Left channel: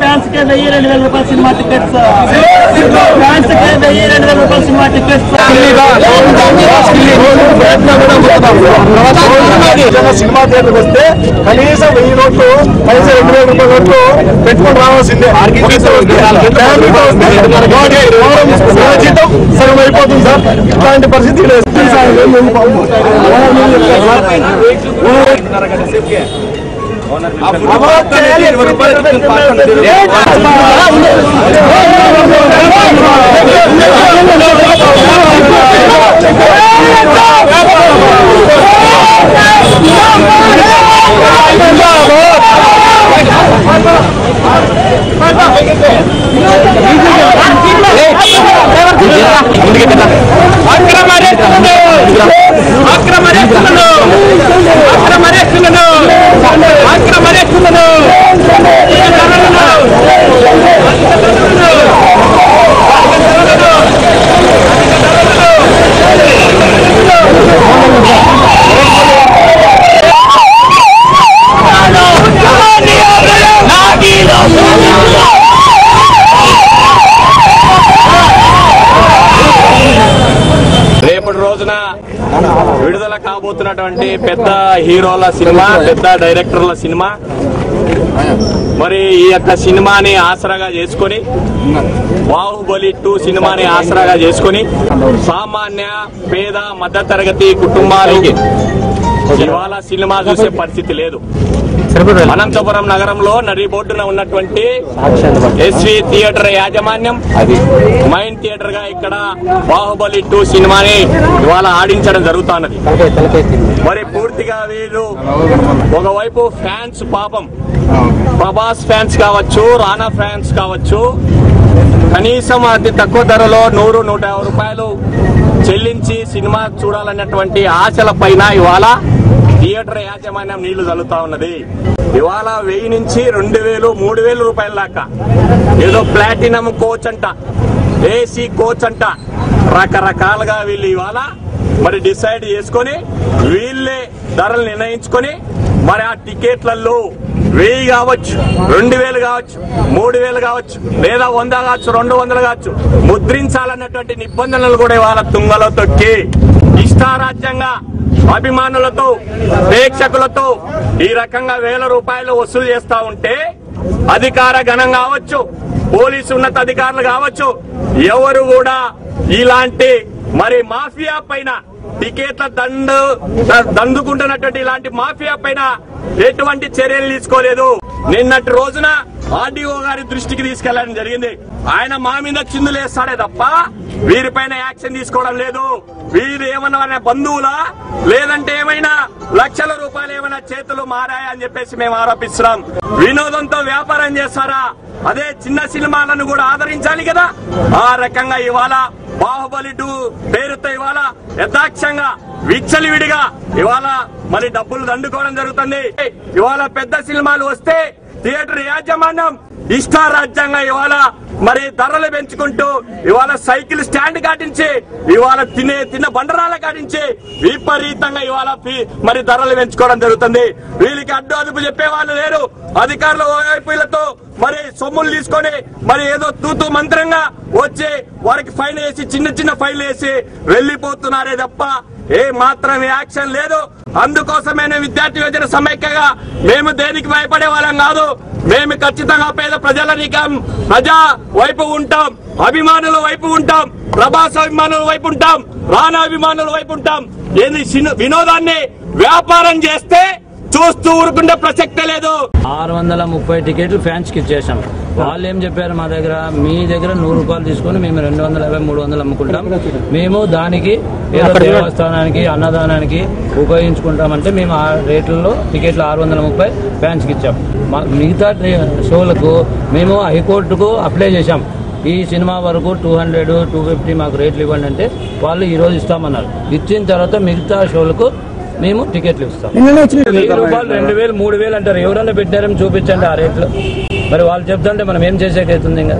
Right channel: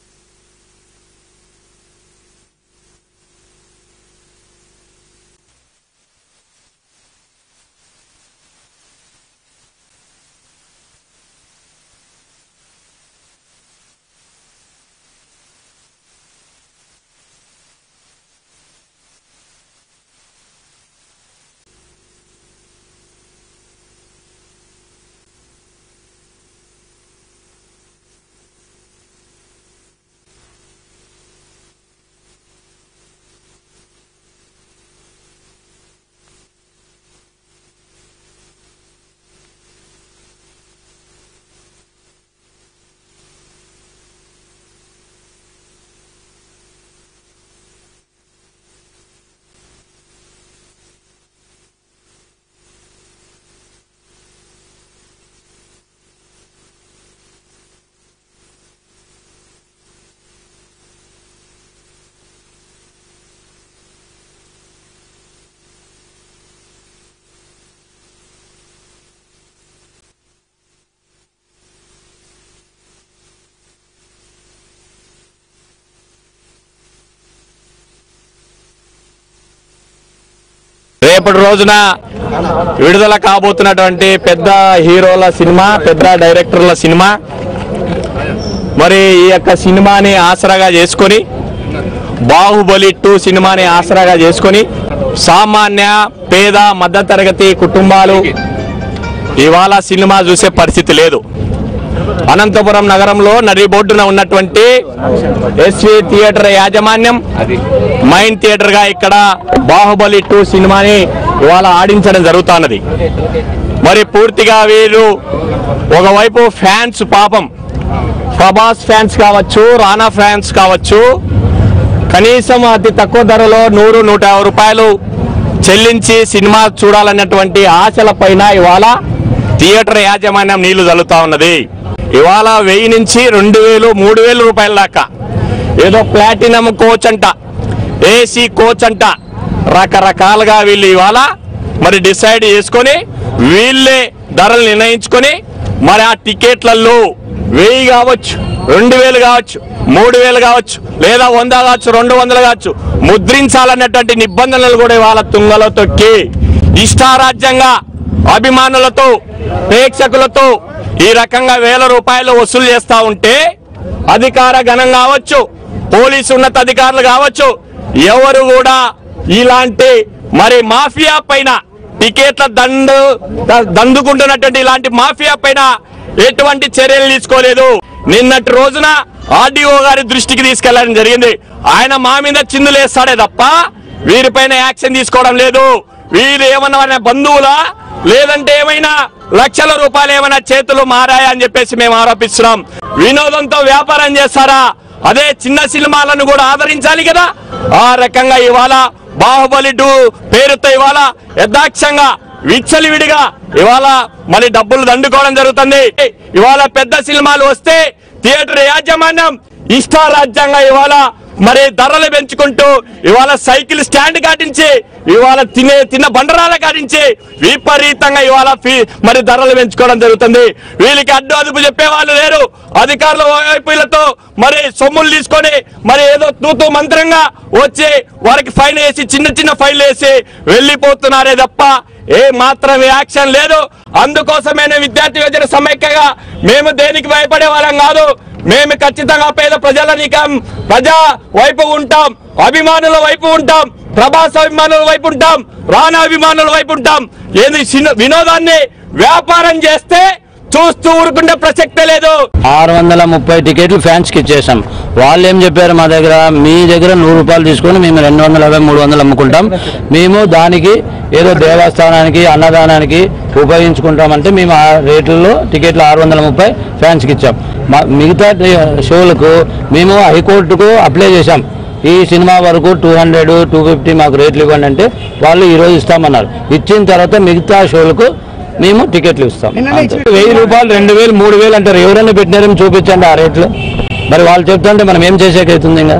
Fans కే 1000-2000 రూపాయల cinema tickets fans కే 1000-2000 రూపాయల cinema tickets cinema థియేటర్కి వస్తే కనీసం 1000 నోట్లు కనీసం 2000 రూపాయల నోట్లు పెట్టుకొని రావాల్సిందే. జీతం సగం అయిపోతుంది సార్. ఇట్లాంటి పరిస్థితి రేపటి రోజున విడుదల కాబోతున్నటువంటి పెద్ద హీరోల సినిమా, పెద్ద డైరెక్టర్ల సినిమా, మరి ఈ యొక్క సినిమాని ఆసరాగా చేసుకొని బాహుబలి 2 సినిమాని ఆసరాగా చేసుకొని సామాన్య పేద మధ్యతరగతి కుటుంబాలు ఇవాళ సినిమా చూసే పరిస్థితి లేదు. అనంతపురం నగరంలో నడిబొడ్డున ఉన్నటువంటి ఎస్వి థియేటర్ యాజమాన్యం మైన్ థియేటర్ గా ఇక్కడ బాహుబలి 2 సినిమాని ఇవాళ ఆడించడం జరుగుతున్నది. మరి పూర్తిగా వీరు ఒకవైపు ఫ్యాన్స్ పాపం ప్రభాస్ ఫ్యాన్స్ కావచ్చు, రానా ఫ్యాన్స్ కావచ్చు, కనీసం అతి తక్కువ ధరలో 100-150 రూపాయలు చెల్లించి సినిమా చూడాలన్నటువంటి ఆశల పైన ఇవాళ థియేటర్ యాజమాన్యం నీళ్లు చల్లుతా ఉన్నది. ఇవాళ 1000 నుంచి 2000-3000 రూపాయల దాకా ఏదో ప్లాటినం కోచ్ అంట, ఏసీ కోచ్ అంట, రకరకాలుగా వీళ్ళు ఇవాళ మరి డిసైడ్ చేసుకొని వీళ్ళే ధరలు నిర్ణయించుకొని మరి ఆ టికెట్లలో 1000 కావచ్చు, 2000 కావచ్చు, 3000 కావచ్చు, లేదా 100 కావచ్చు, 200 కావచ్చు ముద్రించాలన్నటువంటి నిబంధనలు కూడా ఇవాళ తుంగలో తొక్కి ఇష్టారాజ్యంగా అభిమానులతో ప్రేక్షకులతో ఈ రకంగా 1000 రూపాయలు వసూలు చేస్తా ఉంటే అధికార గణం కావచ్చు, పోలీసు ఉన్నతాధికారులు కావచ్చు, ఎవరు కూడా ఇలాంటి మరి మాఫియా పైన టికెట్ల దండుకుంటున్నటువంటి ఇలాంటి మాఫియా పైన ఎటువంటి చర్యలు తీసుకోలేదు. నిన్నటి రోజున ఆర్డీఓ గారి దృష్టికి తీసుకెళ్లడం జరిగింది. ఆయన మా మీద చిందులు వేస్తాడే తప్ప వీరిపైన యాక్షన్ తీసుకోవడం లేదు. వీరు ఏమన్నా బంధువులా, లేదంటే ఏమైనా లక్షల రూపాయలు ఏమైనా చేతులు మారాయా అని చెప్పేసి మేము ఆరోపిస్తున్నాం. వినోదంతో వ్యాపారం చేస్తారా? అదే చిన్న సినిమాలను కూడా ఆదరించాలి కదా. ఆ రకంగా ఇవాళ బాహుబలి 2 పేరుతో ఇవాళ యథాక్షంగా విచ్చలివిడిగా ఇవాళ మరి డబ్బులు దండుకోవడం జరుగుతుంది. ఇవాళ పెద్ద సినిమాలు వస్తే థియేటర్ యాజమాన్యం ఇష్టారాజ్యంగా ఇవాళ మరి ధరలు పెంచుకుంటూ ఇవాళ సైకిల్ స్టాండ్ కాటించి ఇవాళ తిన్న బండరాల కాటించి విపరీతంగా ఇవాళ మరి ధరలు పెంచుకోవడం జరుగుతుంది. వీళ్ళకి అడ్డు అదుపు చెప్పే వాళ్ళు లేరు. అధికారుల వైపులతో మరి సొమ్ములు తీసుకొని మరి ఏదో తూతూ మంత్రంగా వచ్చి వారికి ఫైన్ వేసి చిన్న ఫైన్లు వేసి వెళ్లిపోతున్నారే తప్ప ఏ మాత్రం యాక్షన్ లేదు. అందుకోసమే విద్యార్థి యువజన సమైక్యగా మేము దేనికి భయపడే వాళ్ళం కాదు. మేము ఖచ్చితంగా పేద ప్రజా వైపు ఉంటాం, అభిమానుల వైపు ఉంటాం, ప్రభాస్ అభిమానుల వైపు ఉంటాం, రానా అభిమానుల వైపు ఉంటాం. ఏది వినోదాన్ని వ్యాపారం చేస్తే చూస్తూ ఊరుకుంటే ప్రసక్తే లేదు. 630 టికెట్లు ఫ్యాన్స్ కి ఇచ్చేసాం. వాళ్ళు ఏం చెప్పారు, మా దగ్గర మీ దగ్గర 100 రూపాయలు తీసుకొని మేము 250, 300 అమ్ముకుంటాం, మేము దానికి ఏదో దేవస్థానానికి అన్నదానానికి ఉపయోగించుకుంటామంటే మేము ఆ రేట్లలో టికెట్లు 630 ఫ్యాన్స్ కి ఇచ్చాం. మిగతా షోలకు మేము హైకోర్టుకు అప్లై చేశాం. ఈ సినిమా వరకు 200, 250 మాకు రేట్లు ఇవ్వండి అంటే వాళ్ళు ఈరోజు ఇస్తామన్నారు. ఇచ్చిన తర్వాత మిగతా షోలకు మేము టికెట్లు ఇస్తాం. 1000 రూపాయలు, 2000, 3000 అంటారు. ఎవరైనా పెట్టినారేమో చూపించండి ఆ రేట్లు. మరి వాళ్ళు చెప్తుంటే మనం ఏం చేసేకైతుంది ఇంకా.